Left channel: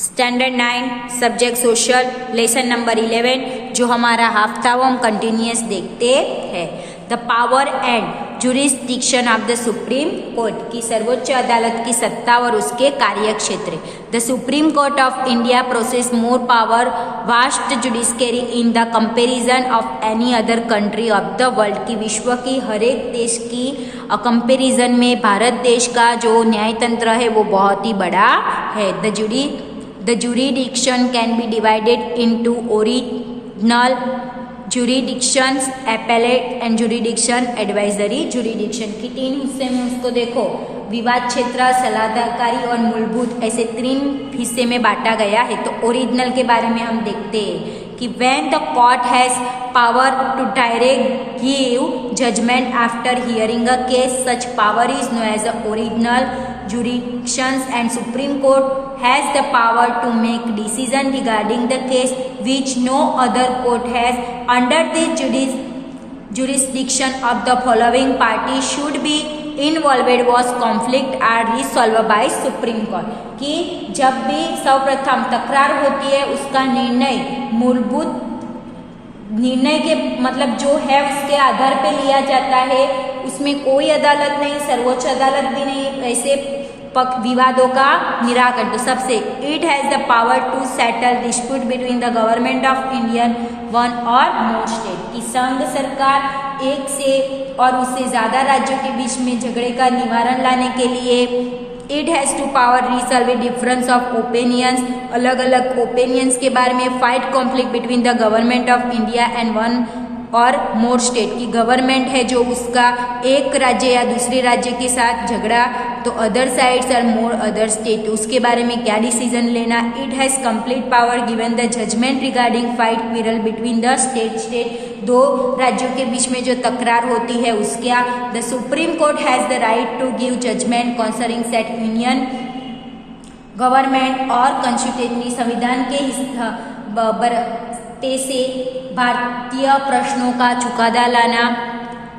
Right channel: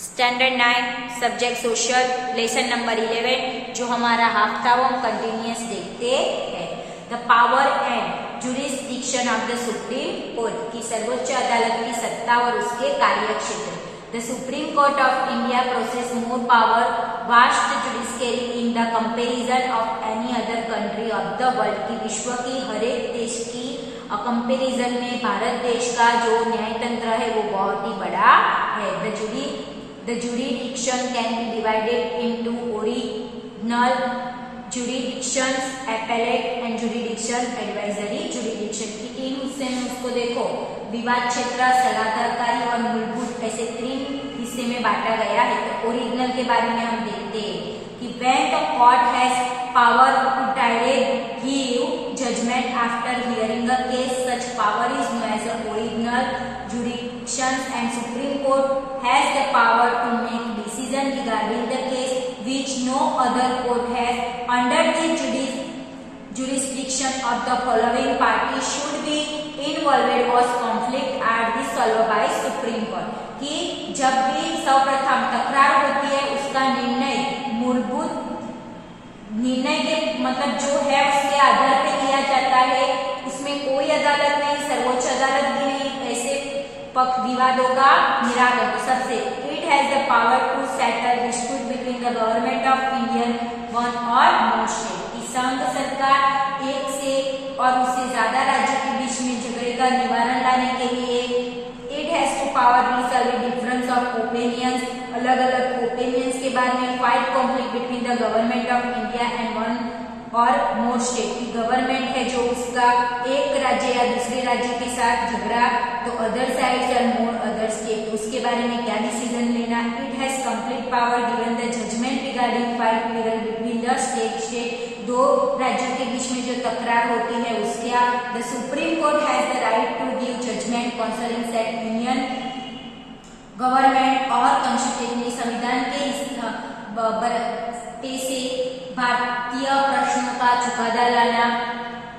Standard 9 subject social lesson number 11 जो हमारा half था वो हम कंटिन्यूस देखते हैं। The power and jurisdiction of the supreme court की सर्वोच्च अदालत की सत्ता और उसके कार्य क्षेत्र। The supreme court of India process more power vast judiciary in the comparison of any other country of the world की विश्व की हर एक देश की कंपेरिजन में भारत देश का जो न्यायतंत्र है वो बहुत ही बड़ा है। The jurisdiction can be divided into original jurisdictions, appellate and jurisdiction, advisory jurisdiction की तीन हिस्से में उसको देखो, विवाद क्षेत्र, सलाहकारी और मूलभूत, ऐसे तीन हिस्से में बांटा गया है। तो ओरिजिनल के बारे में हम देखते हैं कि when the court has power to direct give judgment after hearing a case, such power is known as the original jurisdictions, and Supreme Court has the power to make decision regarding the case which no other court has. Under this jurisdiction of the following party should be involved was conflict are resolved by Supreme Court कि जब भी सर्वप्रथम तकरार होती है उसका निर्णय मूलभूत निर्णय के मतलब जो है उसके आधार पे लिया जाता है, उसमें कोई अदालत नहीं, सर्वोच्च अदालत भी नहीं, ऐसे विवादों का निराकरण। तो सबसे it has the power to settle dispute between the government of Indian one और मोर स्टेट की संघ सरकार एक से और उससे ज्यादा राज्यों के बीच में झगड़े का निवारण लाने के लिए it has to power resolve difference of opinions, अलग अलग ओपिनियंस के बारे में, fight conflict between the government of India and one और मोर स्टेट की गवर्नमेंट है जो उसका एक राज्य या दूसरे राज्य के साथ झगड़ा, तो अदर साइड्स और मोर अदर स्टेट, तो उसके बारे में क्या डिसीजन लेना। It has complete power given the judgment regarding fight quarrel between the state दो राज्यों के बीच में जो तकरार होती है उसका। The supreme court has the right to give judgement concerning set union government और कॉन्स्टिट्यूशनली संविधान के से भारतीय प्रश्नों का चुकादा लाना,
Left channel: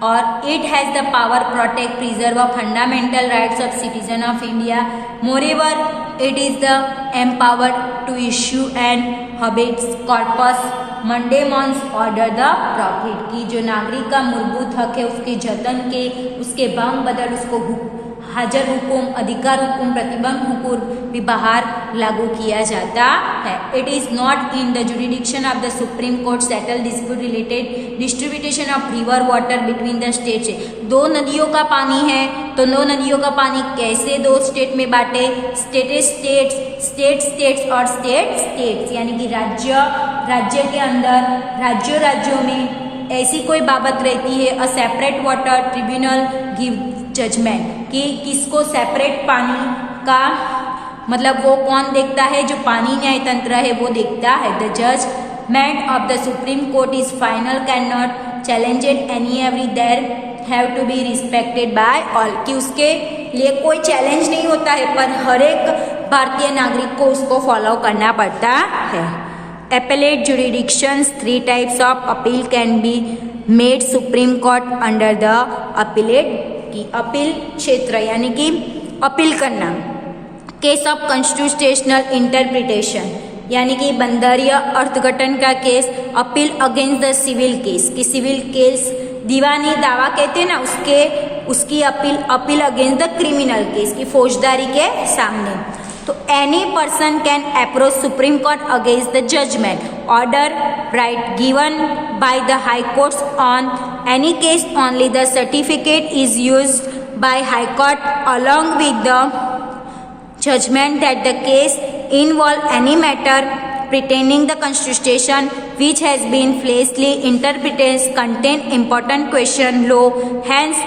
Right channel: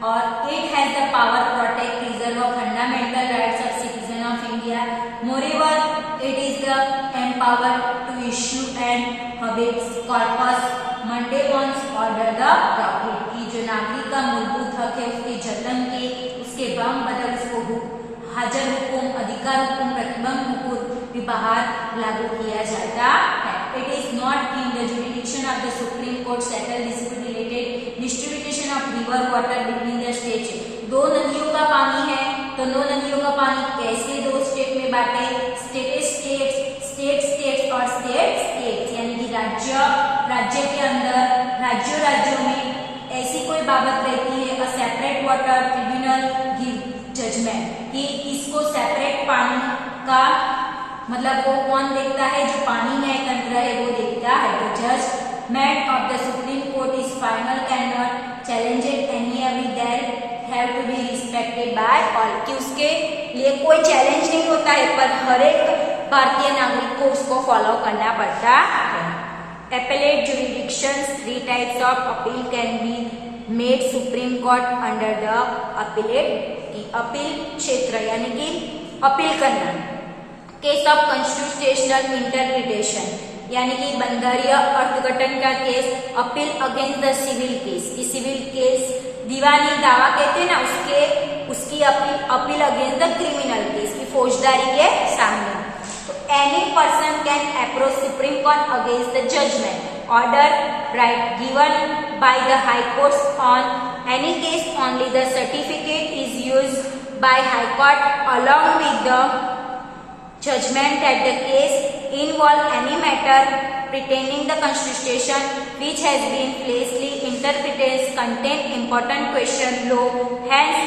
और it has the power protect preserve fundamental rights of citizen of India. Moreover it is the empowered to issue and habeas corpus mandamus order the profit की जो नागरिक का मूलभूत हक है उसके जतन के, उसके भंग बदल उसको हाजर हुकुम, अधिकार हुकुम, प्रतिबंध हुकुम भी बाहर लागू किया जाता है। It is not in the jurisdiction of the supreme court settle dispute related distribution of river water between the states. दो नदियों का पानी है तो दो नदियों का पानी कैसे दो स्टेट में बांटे, स्टेट्स और स्टेट्स यानी कि राज्य के अंदर राज्यों में ऐसी कोई बाबत रहती है। A separate water tribunal give judgment कि किसको सेपरेट पानी का मतलब वो कौन देखता है, जो पानी न्याय तंत्र है वो देखता है। The judgment of the supreme court is final, can not challenged any every, there have to be respected by all कि उसके लिए कोई चैलेंज नहीं होता है पर हर एक भारतीय नागरिक को उसको फॉलो करना पड़ता है। Appellate jurisdictions, 3 types of appeal can be made Supreme Court under the appellate की अपील क्षेत्र यानी कि अपील करना। केस ऑफ कॉन्स्टिट्यूशनल इंटरप्रिटेशन यानी कि बंदरीय अर्थघटन का case. Appeal against the civil case की सिविल केस दीवानी दावा कहते हैं ना, उसकी appeal against the criminal case की फौजदारी के सामने। तो any person can approach supreme court against the judgment order right given by the high courts on any case only the certificate is used by high court along with the judgment that the case involve any matter pertaining the constitution which has been falsely interpreted contain important question law, hence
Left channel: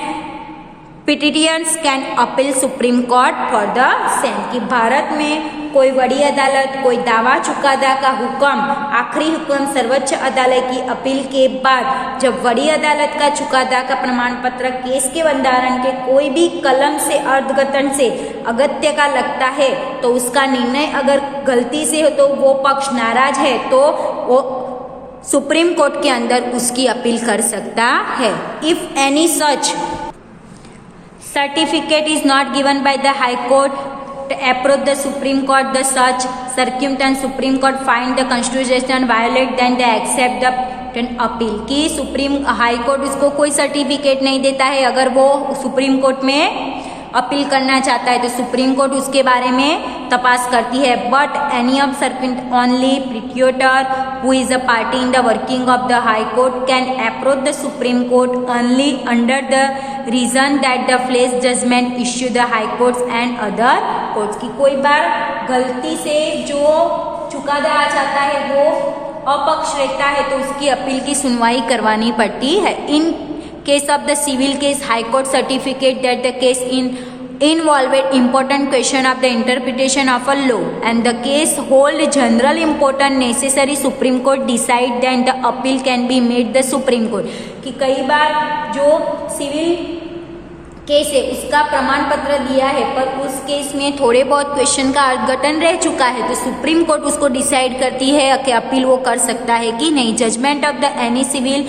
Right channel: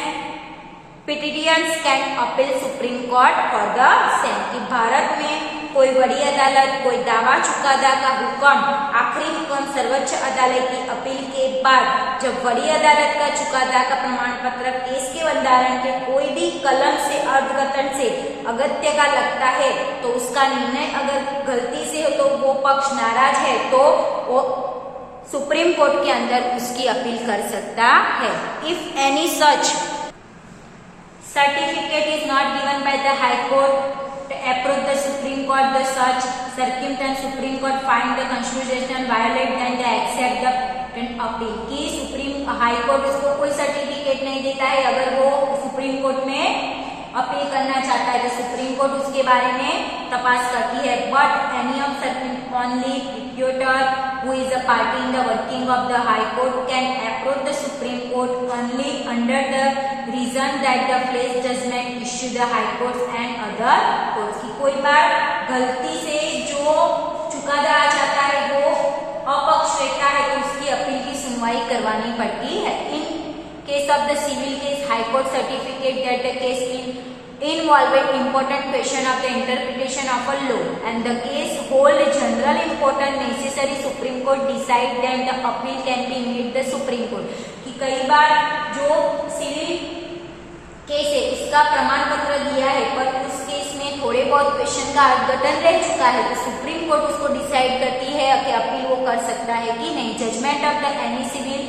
petitioners can appeal supreme court for the same कि भारत में कोई बड़ी अदालत कोई दावा चुकादा का हुक्म आखिरी हुक्म सर्वोच्च अदालत की अपील के बाद जब बड़ी अदालत का चुकादा का प्रमाण पत्र केस के बंधारण के कोई भी कलम से अर्थघटन से अगत्य का लगता है तो उसका निर्णय अगर गलती से हो तो वो पक्ष नाराज है तो वो सुप्रीम कोर्ट के अंदर उसकी अपील कर सकता है। If any such certificate is not given by the high court to approach the Supreme Court the such circumstance Supreme Court find the constitution violate then they accept the appeal कि supreme high court उसको कोई certificate नहीं देता है अगर वो supreme court में appeal करना चाहता है तो सुप्रीम कोर्ट उसके बारे में तपास करती है but any of circuit only प्रिट्यूटर who is a party in the working of the high court can approach the supreme court only under the reason that the flesh judgement issue the high courts and other courts की कोई बार गलती से जो चुकादा आ जाता है वो अपक्ष रहता है तो उसकी अपील की सुनवाई करवानी पड़ती है इन case of the civil case high court certificate that the case involved important question of the interpretation of a law and the case hold general important necessary supreme court decide then the appeal can be made the supreme court कि कई बार जो civil case है उसका प्रमाण पत्र दिया है पर उस केस में थोड़े बहुत क्वेश्चन का अर्घटन रह चुका है तो सुप्रीम कोर्ट उसको डिसाइड करती है कि अपील वो कर सकता है कि नहीं judgment of the any civil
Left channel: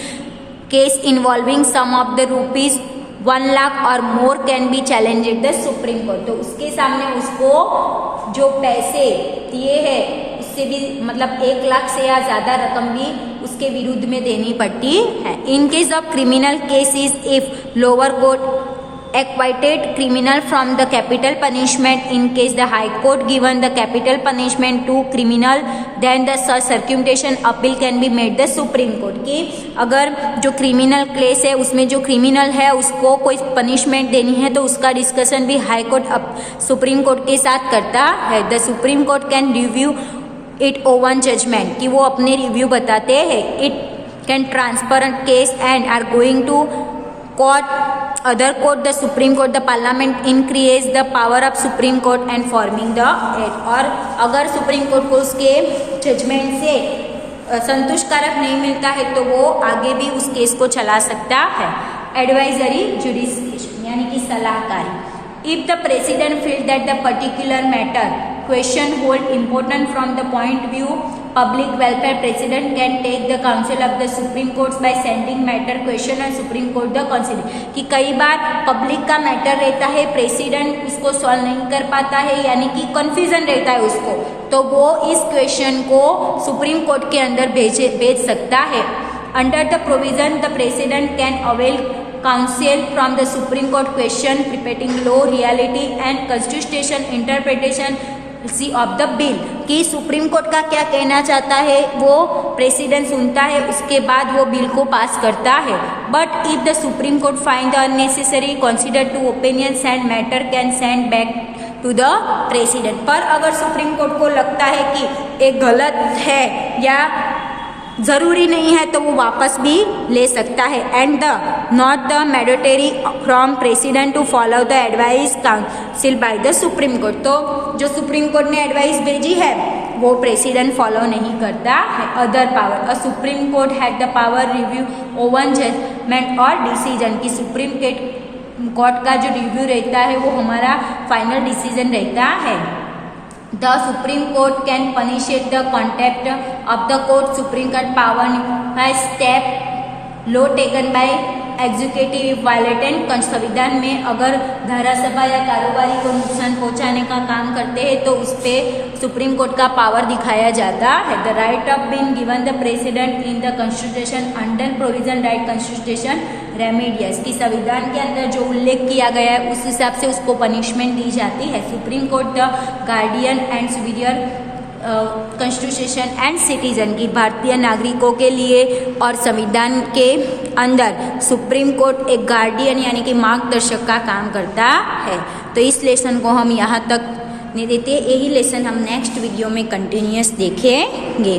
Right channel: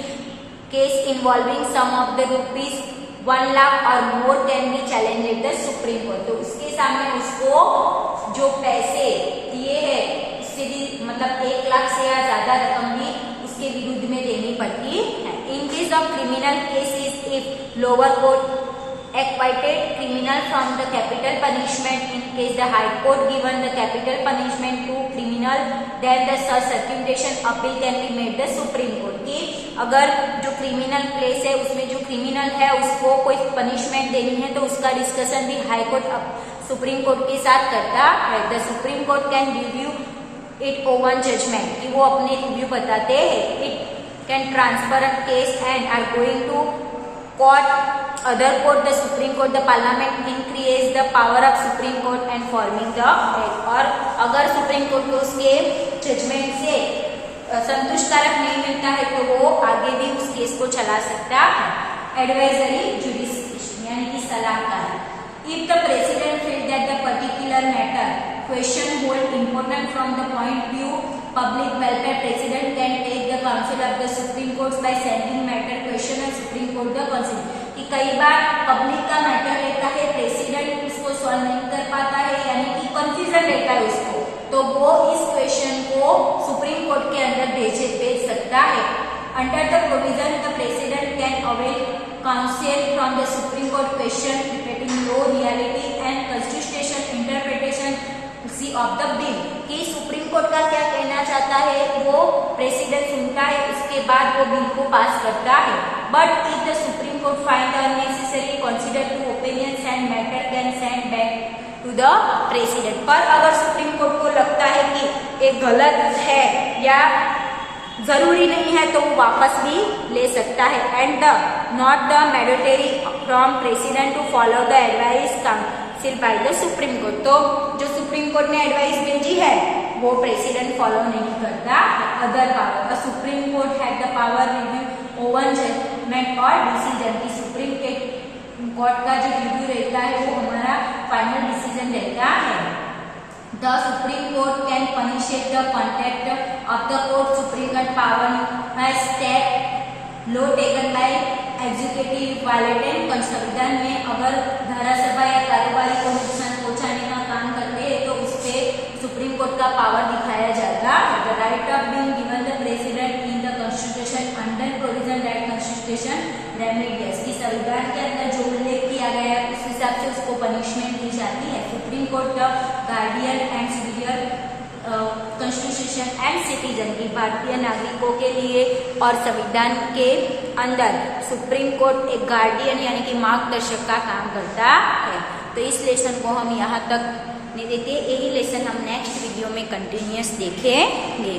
case involving sum of the rupees 1 lakh or more can be challenged at the Supreme Court तो उसके सामने उसको जो पैसे दिए हैं इससे भी मतलब 1 लाख से या ज्यादा रकम भी उसके विरुद्ध में देनी पड़ती है in case of criminal cases if lower court acquitted criminal from the capital punishment in case the high court given the capital punishment to criminal then the circumvention appeal can be made the supreme court कि अगर जो criminal case है उसमें जो criminal है उसको कोई punishment देनी है तो उसका डिस्कशन भी हाई कोर्ट सुप्रीम कोर्ट के साथ करता है the supreme court can review it own judgment कि वो अपने रिव्यू बताते हैं it can transfer case and are going to court other court the supreme court the parliament increase the power of supreme court and forming the act और अगर supreme court को उसके judgement से संतुष्टकारक नहीं मिलता है तो वो आगे भी उस केस को चला सकता है एडवाइजरी जुडिस्डिक्शन यानी कि सलाहकारी if the president feel that the particular matter question hold important from the point view public welfare president can take the counsel of the supreme courts by sending matter question and supreme court the consider कि कई बार public का matter रहता है president उसको solve नहीं कर पाता है यानी कि कंफ्यूजन रहता है उसको तो वो इस क्वेश्चन को सुप्रीम कोर्ट के अंदर भेज सकता है under the provision the president can avail counsel from the supreme court question preparing law reality and constitution interpretation of the bill कि सुप्रीम कोर्ट का क्या कहना चाहता है वो प्रेसिडेंट सुनता है उसके बाद वो बिल को पास करता है but if the supreme court find the unnecessary consider to opinion and matter can send back to the president पर अगर सुप्रीम कोर्ट को लगता है कि एक गलत है या जरूरी नहीं है तो वो वापस भी ले सकता है and the not the mandatory from president to follow the advice council by the supreme court तो जो सुप्रीम कोर्ट ने एडवाइस भेजी है वो प्रेसिडेंट फॉलो नहीं करता है other power a supreme court had the power review own judgment और डिसीजन की सुप्रीम कोर्ट का जो रिव्यू रहता है वो हमारा फाइनल डिसीजन रहता है The Supreme Court can punish the contempt of the court. Supreme Court power has step law taken by executive violating संविधान में अगर धारासभा या कारोबारी को नुकसान पहुंचाने का काम करते हैं तो उस पे सुप्रीम कोर्ट का पावर दिखाया जाता है the right of being given the president in the constitution under provision right constitution remedies की संविधान के अंदर जो उल्लेख किया गया है उस हिसाब से उसको पनिशमेंट दी जाती है supreme court the guardian and superior constitution and citizen की भारतीय नागरिकों के लिए और संविधान के अंदर सुप्रीम कोर्ट एक गार्डियन यानी कि मार्गदर्शक का काम करता है तो इस लेसन को हम यहाँ तक नहीं देते यही लेसन हम नेक्स्ट वीडियो में कंटिन्यूअस देखेंगे